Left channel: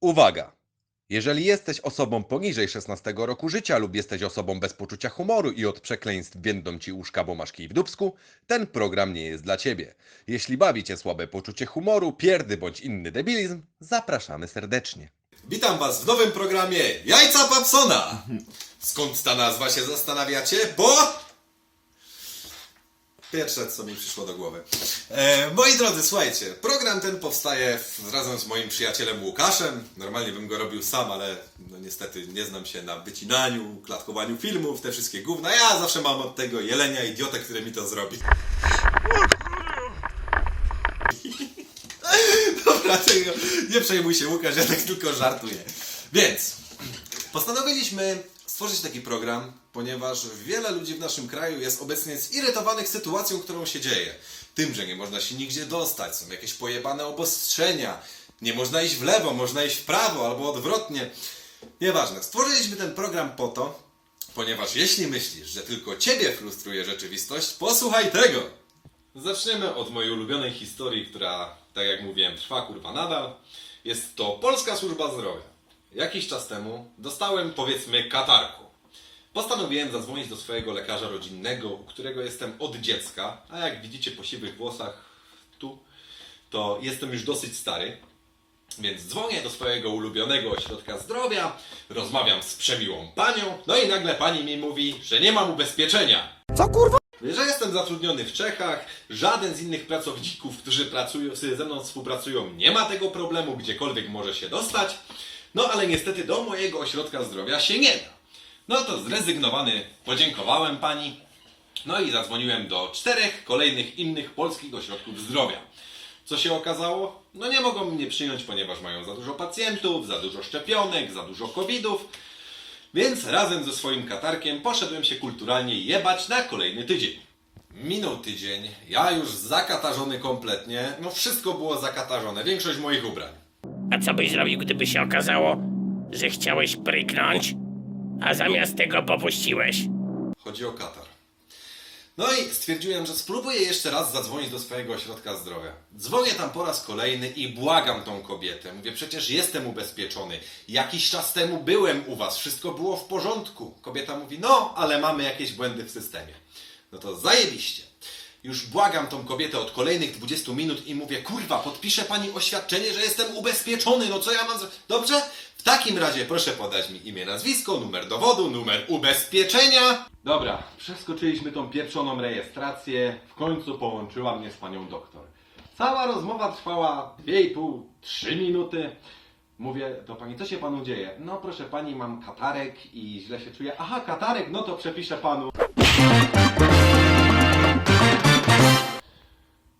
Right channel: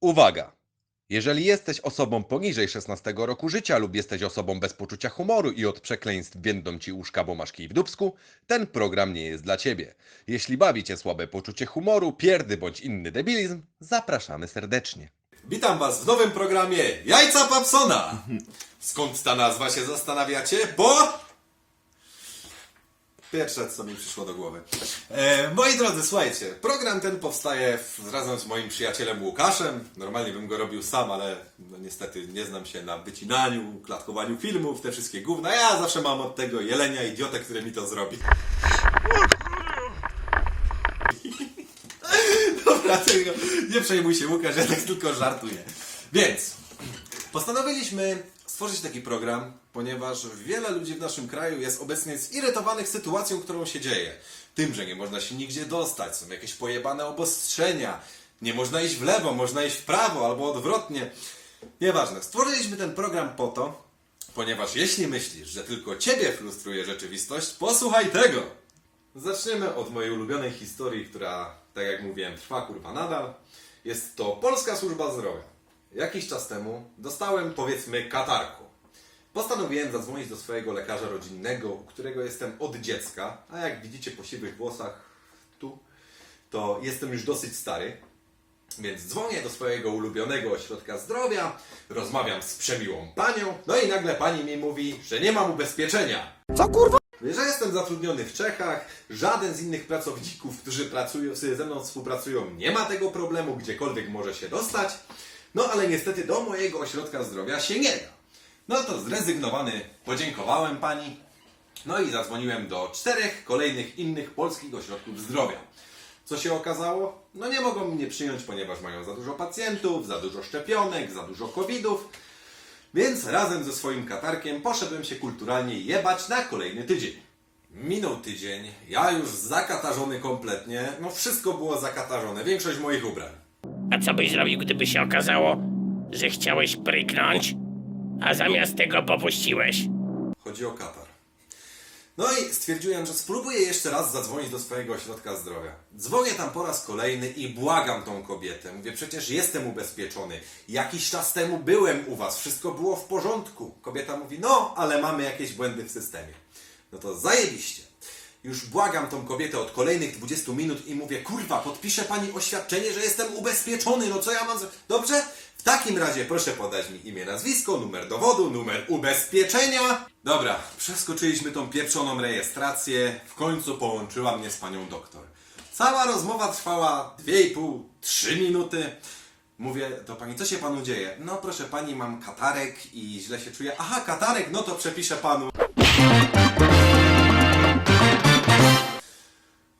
Uwaga! Jeżeli jesteś osobą poniżej 16 roku życia lub jesteś osobą bez poczucia humoru i od przekleństw będą ci uszka, bo masz kij w dupsku, ten program nie jest dla ciebie. Jeśli bawi cię słabe poczucie humoru, pierdy bądź inny debilizm, zapraszamy serdecznie. Witam Was w nowym programie Jajca Papsona. Skąd ta nazwa się zastanawiacie? Bo... Pierwsze, co mi przyszło do głowy. E, moi drodzy, słuchajcie, program ten powstaje w, razem z moim przyjacielem Łukaszem. Normalnie bym go robił sam, ale no niestety nie znam się na wycinaniu, klatkowaniu filmów, te wszystkie gówna. Ja zawsze mam od tego jelenia idiotę, który mi to zrobi. Dobra, tego, nie przejmuj się Łukasz, ja tak tylko żartuję. Więc postanowiliśmy stworzyć taki program, ponieważ wiele ludzi w naszym kraju jest obecnie zirytowanych sytuacją, którą się dzieje. Tym, że nie można się nigdzie dostać, są jakieś pojebane obostrzenia, nie można iść w lewo, można iść w prawo albo odwrotnie. Nieważne. Stworzyliśmy ten program po to, ponieważ jeśli myślisz, że tylko ciebie frustruje rzeczywistość, posłuchaj tego! Zaczniemy od mojej ulubionej historii, która, tak jak mówiłem, trwa kurwa nadal. Jest to Polska Służba Zdrowia. Jakiś czas temu dostałem, powiedzmy, katarku. Postanowiłem zadzwonić do swojego lekarza rodzinnego, u którego jestem od dziecka, a jak widzicie po siwych włosach tu, to jestem już dosyć stary. Więc dzwonię do swojego ulubionego ośrodka zdrowia, rozmawiam z przemiłą panią, no i nagle pani mi mówi, że nie mam ubezpieczenia. Że jestem zatrudniony w Czechach, żaden z innych pracowników, którzy pracują, ze mną współpracują, nie ma tego problemu, gdziekolwiek może się dostać. No ale niestety do mojego ośrodka zdrowia się nie da. No to zrezygnowany podziękowałem pani. No i zadzwoniłem do czterech kolejnych innych polskich ośrodków zdrowia. Co się okazało? No nie mogą mnie przyjąć, ponieważ mają za dużo pacjentów, za dużo szczepionek, za dużo covidów. Więc razem ze swoim katarkiem poszedłem się kulturalnie jebać na kolejny tydzień. Minął tydzień, ja już zakatarzony kompletnie, no wszystko było zakatarzone, większość moich ubrań. A co byś zrobił, gdyby się okazało, że chciałeś pryknąć, a zamiast tego popuściłeś? Chodzi o katar. No i stwierdziłem, że spróbuję jeszcze raz zadzwonić do swojego ośrodka zdrowia. Dzwonię tam po raz kolejny i błagam tą kobietę. Mówię, przecież jestem ubezpieczony. Jakiś czas temu byłem u was, wszystko było w porządku. Kobieta mówi, no, ale mamy jakieś błędy w systemie. No to zajebiście. Już błagam tą kobietę od kolejnych 20 minut i mówię, kurwa, podpisze pani oświadczenie, że jestem ubezpieczony, no co ja mam zrobić? Dobrze? W takim razie proszę podać mi imię, nazwisko, numer dowodu, numer ubezpieczenia. Dobra, przeskoczyliśmy tą pieprzoną rejestrację, w końcu połączyła mnie z panią doktor. Cała rozmowa trwała 2,5-3 minuty. Mówię do pani, co się panu dzieje? No proszę pani, mam katarek i źle się czuję. Aha, katarek, no to przepiszę panu.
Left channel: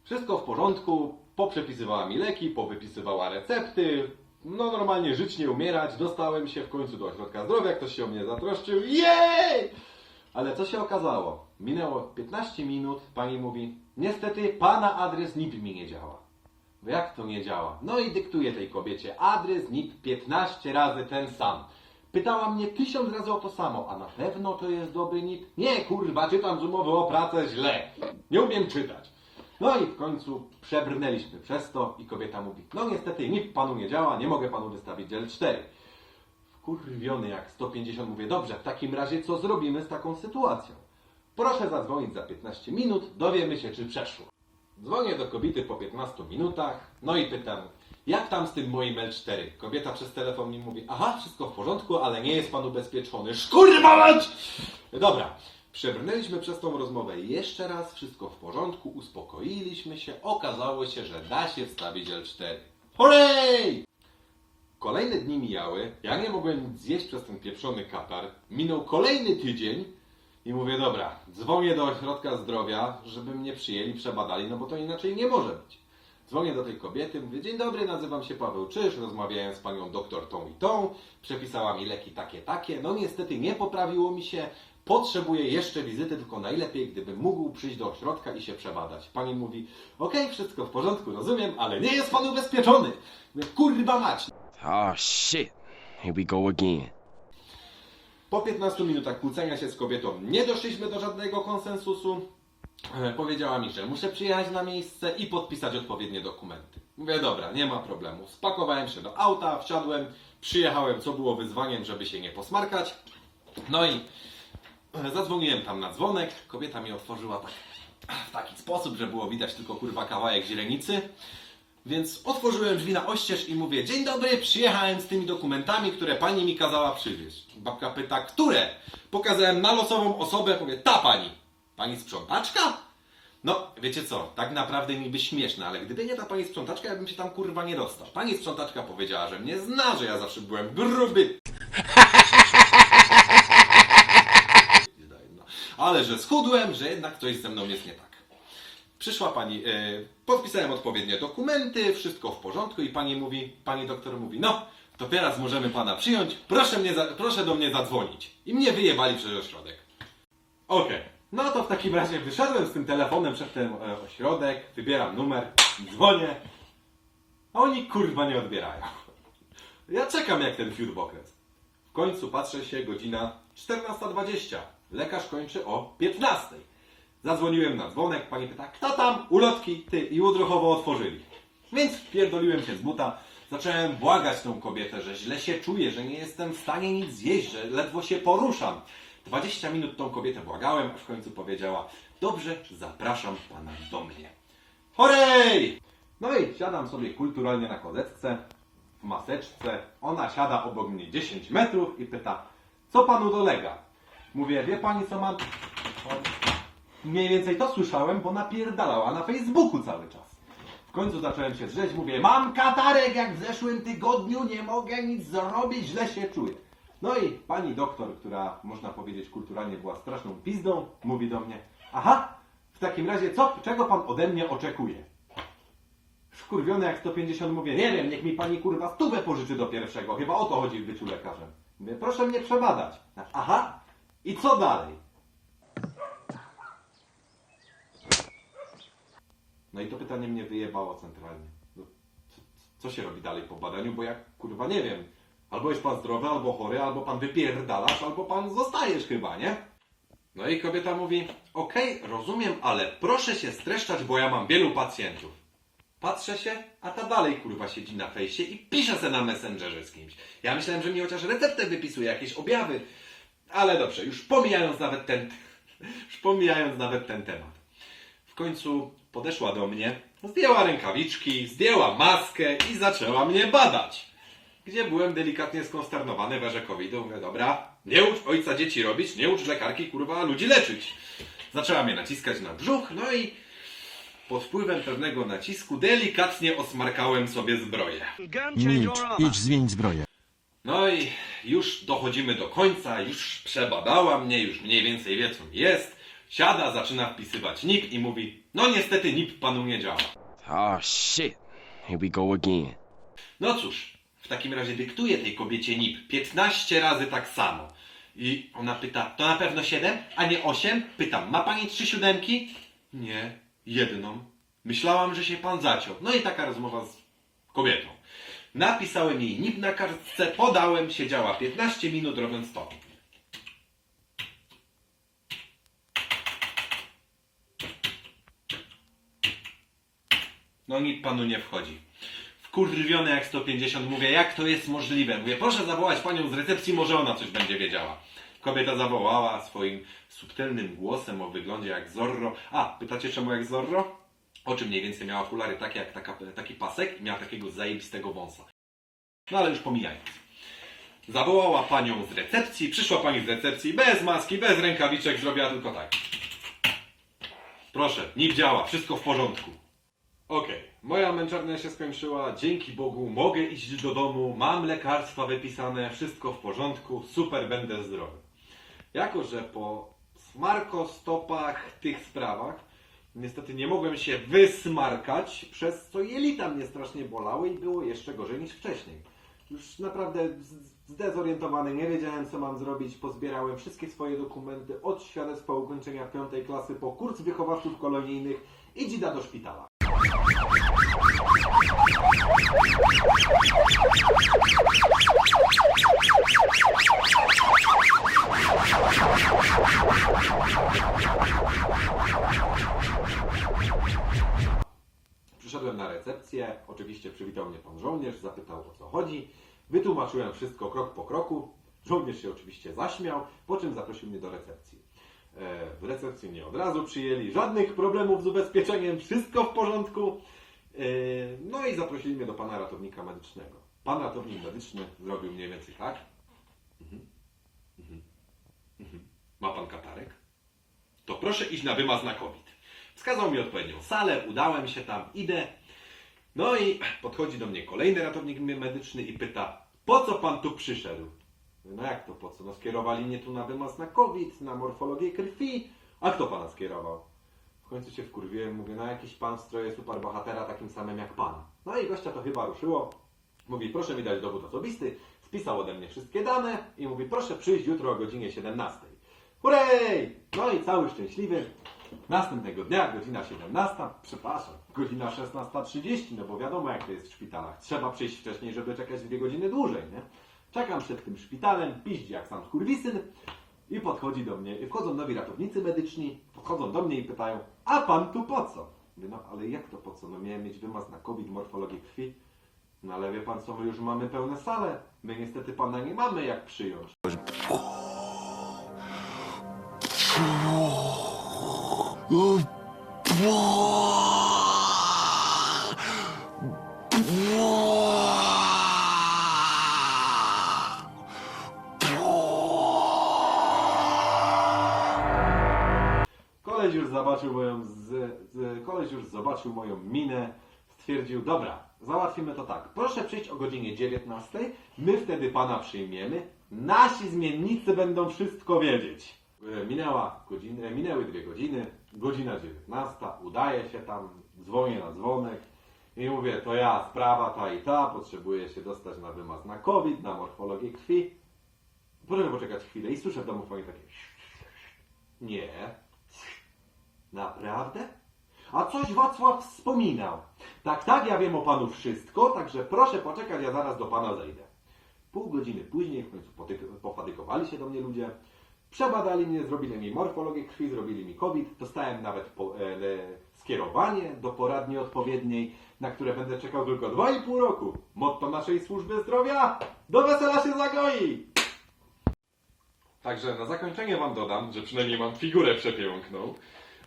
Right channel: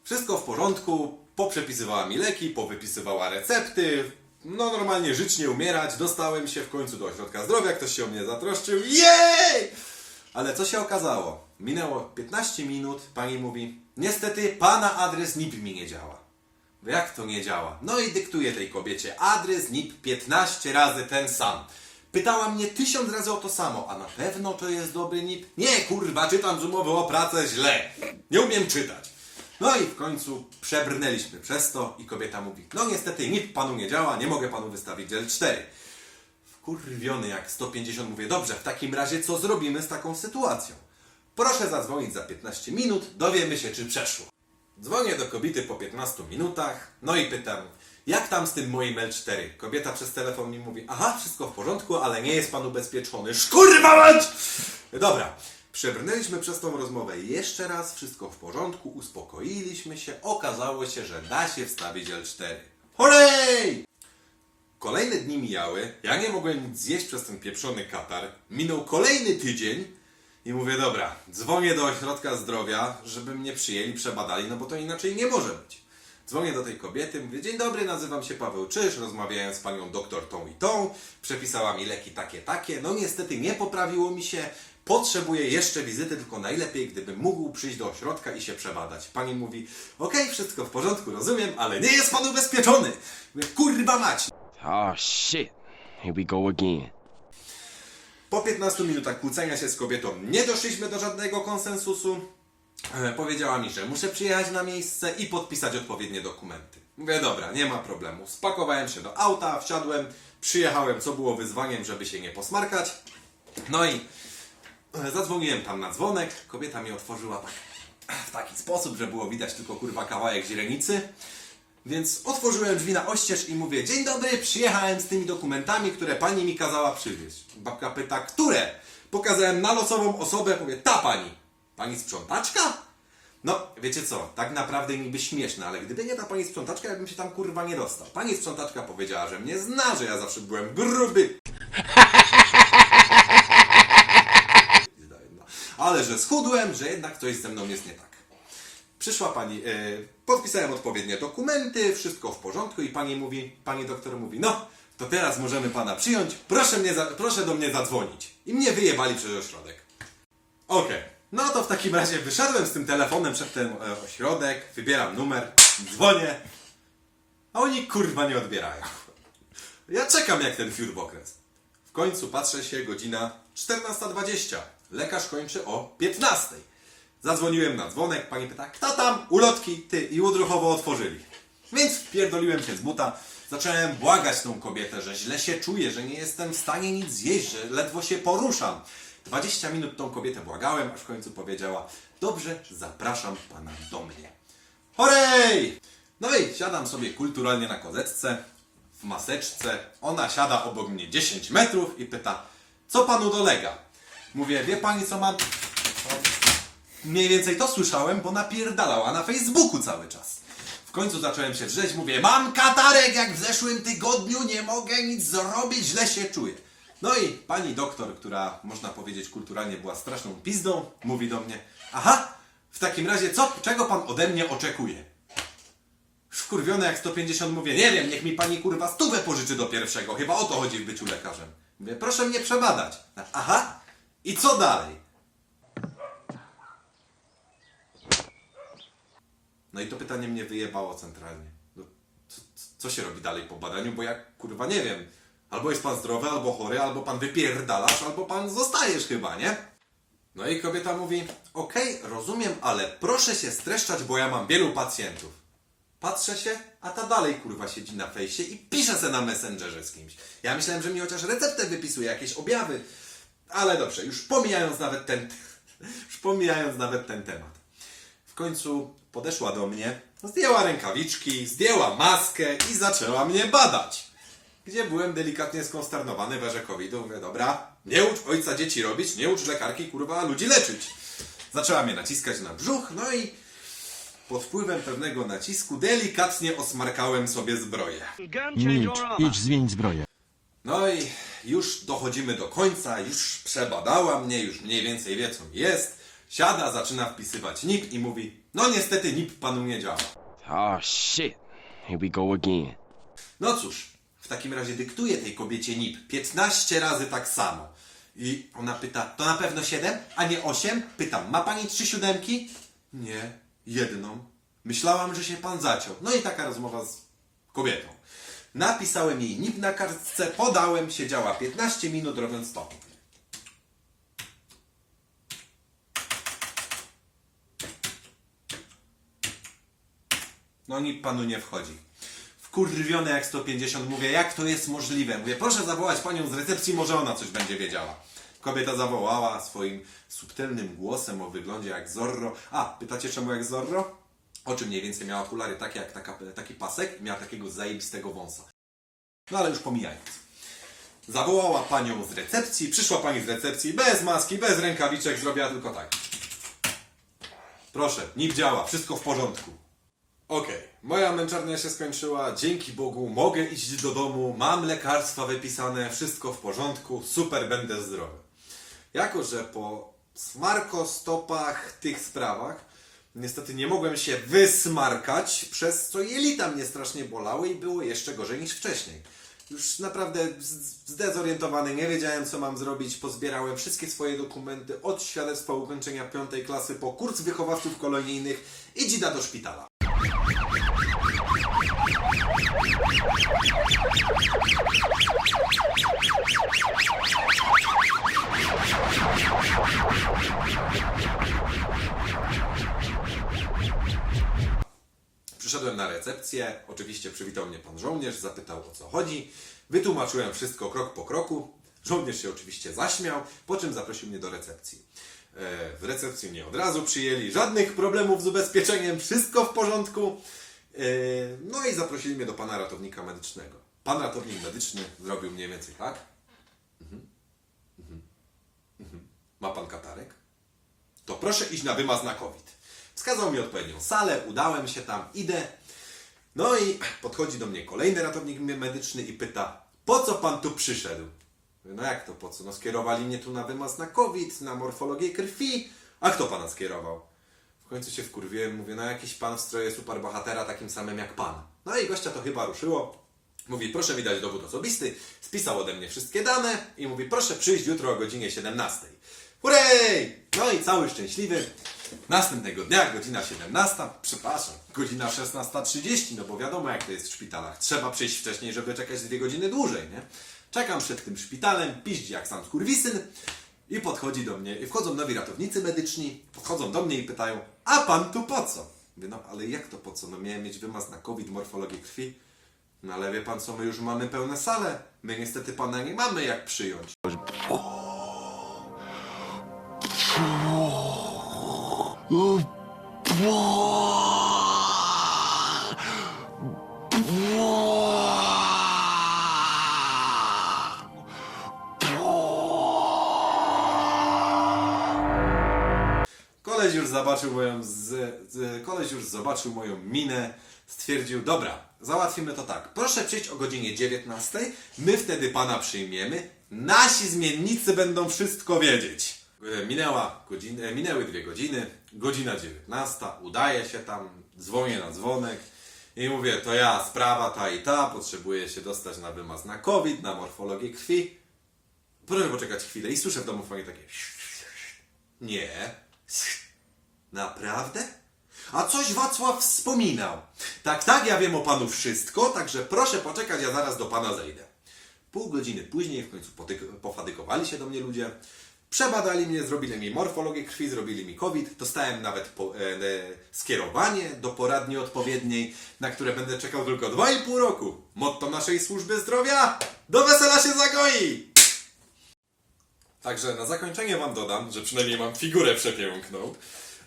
Wszystko w porządku, poprzepisywała mi leki, powypisywała recepty. No normalnie żyć, nie umierać. Dostałem się w końcu do ośrodka zdrowia, ktoś się o mnie zatroszczył. Jej! Ale co się okazało? Minęło 15 minut, pani mówi, niestety pana adres NIP mi nie działa. Jak to nie działa? No i dyktuje tej kobiecie adres NIP 15 razy ten sam. Pytała mnie tysiąc razy o to samo, a na pewno to jest dobry NIP? Nie, kurwa, czytam z umowy o pracę źle. Nie umiem czytać. No i w końcu przebrnęliśmy przez to i kobieta mówi, no niestety NIP panu nie działa, nie mogę panu wystawić L4. Wkurwiony jak 150 mówię, dobrze, w takim razie co zrobimy z taką sytuacją? Proszę zadzwonić za 15 minut, dowiemy się czy przeszło. Dzwonię do kobiety po 15 minutach, no i pytam, jak tam z tym moim L4? Kobieta przez telefon mi mówi, aha, wszystko w porządku, ale nie jest pan ubezpieczony. Szkurwa mać! Dobra, przebrnęliśmy przez tą rozmowę jeszcze raz, wszystko w porządku, uspokoiliśmy się, okazało się, że da się wstawić L4. Holej! Kolejne dni mijały, ja nie mogłem nic zjeść przez ten pieprzony katar. Minął kolejny tydzień i mówię, dobra, dzwonię do ośrodka zdrowia, żeby mnie przyjęli, przebadali, no bo to inaczej nie może być. Dzwonię do tej kobiety, mówię, dzień dobry, nazywam się Paweł Czyż, rozmawiałem z panią doktor tą i tą, przepisała mi leki takie, takie, no niestety nie poprawiło mi się, potrzebuję jeszcze wizyty, tylko najlepiej, gdybym mógł przyjść do ośrodka i się przebadać. Pani mówi, okej, wszystko w porządku, rozumiem, ale nie jest pan ubezpieczony. Mówię, kurwa mać, Oh shit. Here we go again. Po 15 minutach kłócenia się z kobietą nie doszliśmy do żadnego konsensusu. e, powiedziała mi, że muszę przyjechać na miejsce i podpisać odpowiednie dokumenty. Mówię, dobra, nie ma problemu. Spakowałem się do auta, wsiadłem, przyjechałem, co było wyzwaniem, żeby się nie posmarkać. No i zadzwoniłem tam na dzwonek, kobieta mi otworzyła tak w taki sposób, że było widać tylko kurwa kawałek źrenicy. Więc otworzyłem drzwi na oścież i mówię, dzień dobry, przyjechałem z tymi dokumentami, które pani mi kazała przywieźć. Babka pyta, które? Pokazałem na losową osobę, mówię, ta pani. Pani sprzątaczka? No, wiecie co, tak naprawdę niby śmieszne, ale gdyby nie ta pani sprzątaczka, ja bym się tam kurwa nie dostał. Pani sprzątaczka powiedziała, że mnie zna, że ja zawsze byłem gruby. Ale że schudłem, że jednak coś ze mną jest nie tak. Przyszła pani, e, podpisałem odpowiednie dokumenty, wszystko w porządku i pani mówi, pani doktor mówi, no, to teraz możemy pana przyjąć, proszę, mnie za, proszę do mnie zadzwonić. I mnie wyjebali przez ośrodek. Okej, no to w takim razie wyszedłem z tym telefonem przed ten e, ośrodek, wybieram numer, dzwonię, a oni kurwa nie odbierają. Ja czekam jak ten fiurbokres. W końcu patrzę się, godzina 14.20. Lekarz kończy o 15.00. Zadzwoniłem na dzwonek, pani pyta, kto tam? Ulotki, ty i udruchowo otworzyli. Więc wpierdoliłem się z buta, zacząłem błagać tą kobietę, że źle się czuję, że nie jestem w stanie nic zjeść, że ledwo się poruszam. 20 minut tą kobietę błagałem, aż w końcu powiedziała, dobrze, zapraszam pana do mnie. Horej! No i siadam sobie kulturalnie na kozetce, w maseczce. Ona siada obok mnie 10 metrów i pyta, co panu dolega? Mówię, wie pani co mam? Mniej więcej to słyszałem, bo napierdalała na Facebooku cały czas. W końcu zacząłem się drzeć, mówię, mam katarek jak w zeszłym tygodniu, nie mogę nic zrobić, źle się czuję. No i pani doktor, która można powiedzieć kulturalnie była straszną pizdą, mówi do mnie, aha, w takim razie co, czego pan ode mnie oczekuje? Wkurwiony jak 150 mówię, nie wiem, niech mi pani kurwa stówę pożyczy do pierwszego, chyba o to chodzi w byciu lekarzem. Mówię, proszę mnie przebadać. Aha, i co dalej? No i to pytanie mnie wyjebało centralnie. No, co, się robi dalej po badaniu, bo ja kurwa nie wiem. Albo jest pan zdrowy, albo chory, albo pan wypierdalasz, albo pan zostajesz chyba, nie? No i kobieta mówi, okej, rozumiem, ale proszę się streszczać, bo ja mam wielu pacjentów. Patrzę się, a ta dalej kurwa siedzi na fejsie i pisze se na Messengerze z kimś. Ja myślałem, że mi chociaż receptę wypisuje, jakieś objawy. Ale dobrze, już pomijając nawet ten, już pomijając nawet ten temat. W końcu podeszła do mnie, zdjęła rękawiczki, zdjęła maskę i zaczęła mnie badać. Gdzie byłem delikatnie skonsternowany we COVID-u. Mówię, dobra, nie ucz ojca dzieci robić, nie ucz lekarki, kurwa, ludzi leczyć. Zaczęła mnie naciskać na brzuch, no i pod wpływem pewnego nacisku delikatnie osmarkałem sobie zbroję. Milcz, idź zmień zbroję. No i już dochodzimy do końca, już przebadała mnie, już mniej więcej wie co jest. Siada, zaczyna wpisywać NIP i mówi, no niestety NIP panu nie działa. Oh shit. Here we go again. No cóż, w takim razie dyktuję tej kobiecie NIP 15 razy tak samo. I ona pyta, to na pewno 7, a nie 8? Pytam, ma pani trzy siódemki? Nie, jedną. Myślałam, że się pan zaciął. No i taka rozmowa z kobietą. Napisałem jej NIP na kartce, podałem, siedziała 15 minut robiąc to. No NIP panu nie wchodzi. Wkurwiony jak 150 mówię, jak to jest możliwe? Mówię, proszę zawołać panią z recepcji, może ona coś będzie wiedziała. Kobieta zawołała swoim subtelnym głosem o wyglądzie jak Zorro. A, pytacie czemu jak Zorro? Oczy mniej więcej miała okulary takie jak taka, taki pasek i miała takiego zajebistego wąsa. No ale już pomijając. Zawołała panią z recepcji, przyszła pani z recepcji bez maski, bez rękawiczek, zrobiła tylko tak. Proszę, NIP działa, wszystko w porządku. Okej, moja męczarnia się skończyła, dzięki Bogu mogę iść do domu, mam lekarstwa wypisane, wszystko w porządku, super, będę zdrowy. Jako, że po smarkostopach, tych sprawach, niestety nie mogłem się wysmarkać, przez co jelita mnie strasznie bolały i było jeszcze gorzej niż wcześniej. Już naprawdę zdezorientowany, nie wiedziałem co mam zrobić, pozbierałem wszystkie swoje dokumenty od świadectwa ukończenia piątej klasy po kurs wychowawców kolonijnych i dzida do szpitala. Oczywiście przywitał mnie pan żołnierz, zapytał o co chodzi. Wytłumaczyłem wszystko krok po kroku. Żołnierz się oczywiście zaśmiał, po czym zaprosił mnie do recepcji. E, W recepcji mnie od razu przyjęli, żadnych problemów z ubezpieczeniem, wszystko w porządku. E, No i zaprosili mnie do pana ratownika medycznego. Pan ratownik medyczny zrobił mniej więcej tak. Mhm. Mhm. Mhm. Ma pan katarek? To proszę iść na wymaz na COVID. Wskazał mi odpowiednią salę, udałem się tam, idę. No i podchodzi do mnie kolejny ratownik medyczny i pyta, po co pan tu przyszedł? No jak to po co? No skierowali mnie tu na wymaz na COVID, na morfologię krwi. A kto pana skierował? W końcu się wkurwiłem, mówię, no jakiś pan w stroju superbohatera takim samym jak pan. No i gościa to chyba ruszyło. Mówi, proszę mi dać dowód osobisty. Spisał ode mnie wszystkie dane i mówi, proszę przyjść jutro o godzinie 17. Hurray! No i cały szczęśliwy. Następnego dnia, godzina 17, przepraszam, godzina 16.30, no bo wiadomo jak to jest w szpitalach. Trzeba przyjść wcześniej, żeby czekać dwie godziny dłużej, nie? Czekam przed tym szpitalem, piździ jak sam skurwisyn i podchodzi do mnie, i wchodzą nowi ratownicy medyczni, podchodzą do mnie i pytają, a pan tu po co? Mówię, no ale jak to po co? No miałem mieć wymaz na COVID, morfologię krwi. No ale wie pan co, my już mamy pełne sale. My niestety pana nie mamy jak przyjąć. Koleś już zobaczył moją z, z, koleś już zobaczył moją minę, stwierdził, dobra, załatwimy to tak. Proszę przyjść o godzinie 19, my wtedy pana przyjmiemy, nasi zmiennicy będą wszystko wiedzieć. E, Minęła godzina, minęły dwie godziny, godzina 19, udaje się tam, dzwonię na dzwonek i mówię, to ja, sprawa ta i ta, potrzebuję się dostać na wymaz na COVID, na morfologię krwi. Proszę poczekać chwilę i słyszę w domofonie takie nie. Naprawdę? A coś Wacław wspominał. Tak, tak, ja wiem o panu wszystko, także proszę poczekać, ja zaraz do pana zejdę. Pół godziny później w końcu potyk- pofadykowali się do mnie ludzie. Przebadali mnie, zrobili mi morfologię krwi, zrobili mi COVID. Dostałem nawet po, e, e, skierowanie do poradni odpowiedniej, na które będę czekał tylko 2,5 roku. Motto naszej służby zdrowia: do wesela się zagoi! Także na zakończenie Wam dodam, że przynajmniej mam figurę przepiękną.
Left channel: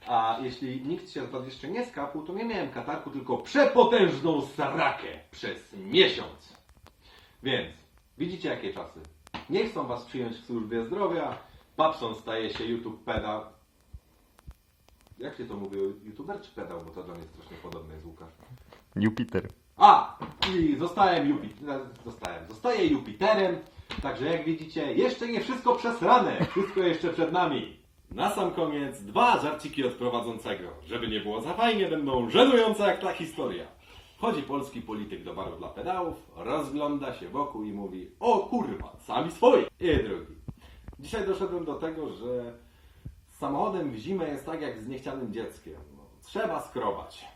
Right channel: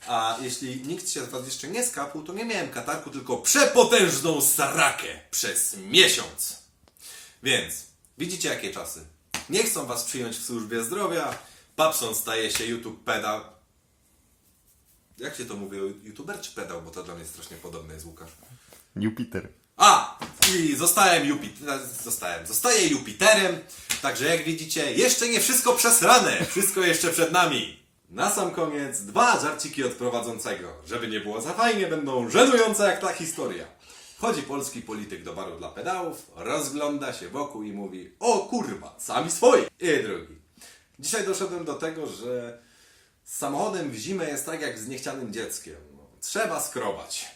A jeśli nikt się z Was jeszcze nie skapł, to nie miałem katarku, tylko przepotężną sarakę przez miesiąc. Więc widzicie jakie czasy. Nie chcą Was przyjąć w służbie zdrowia. Papson staje się YouTube pedał. Jak się to mówi? YouTuber czy pedał? Bo to dla mnie strasznie podobne jest Łukasz. Jupiter. A! I zostałem Jupiter, zostałem, zostaję Jupiterem, także jak widzicie, jeszcze nie wszystko przesrane, wszystko jeszcze przed nami. Na sam koniec dwa żarciki od prowadzącego. Żeby nie było za fajnie, będą żenujące jak ta historia. Chodzi polski polityk do baru dla pedałów, rozgląda się wokół i mówi O kurwa, sami swoi! I drugi. Dzisiaj doszedłem do tego, że z samochodem w zimę jest tak jak z niechcianym dzieckiem. No, trzeba skrobać.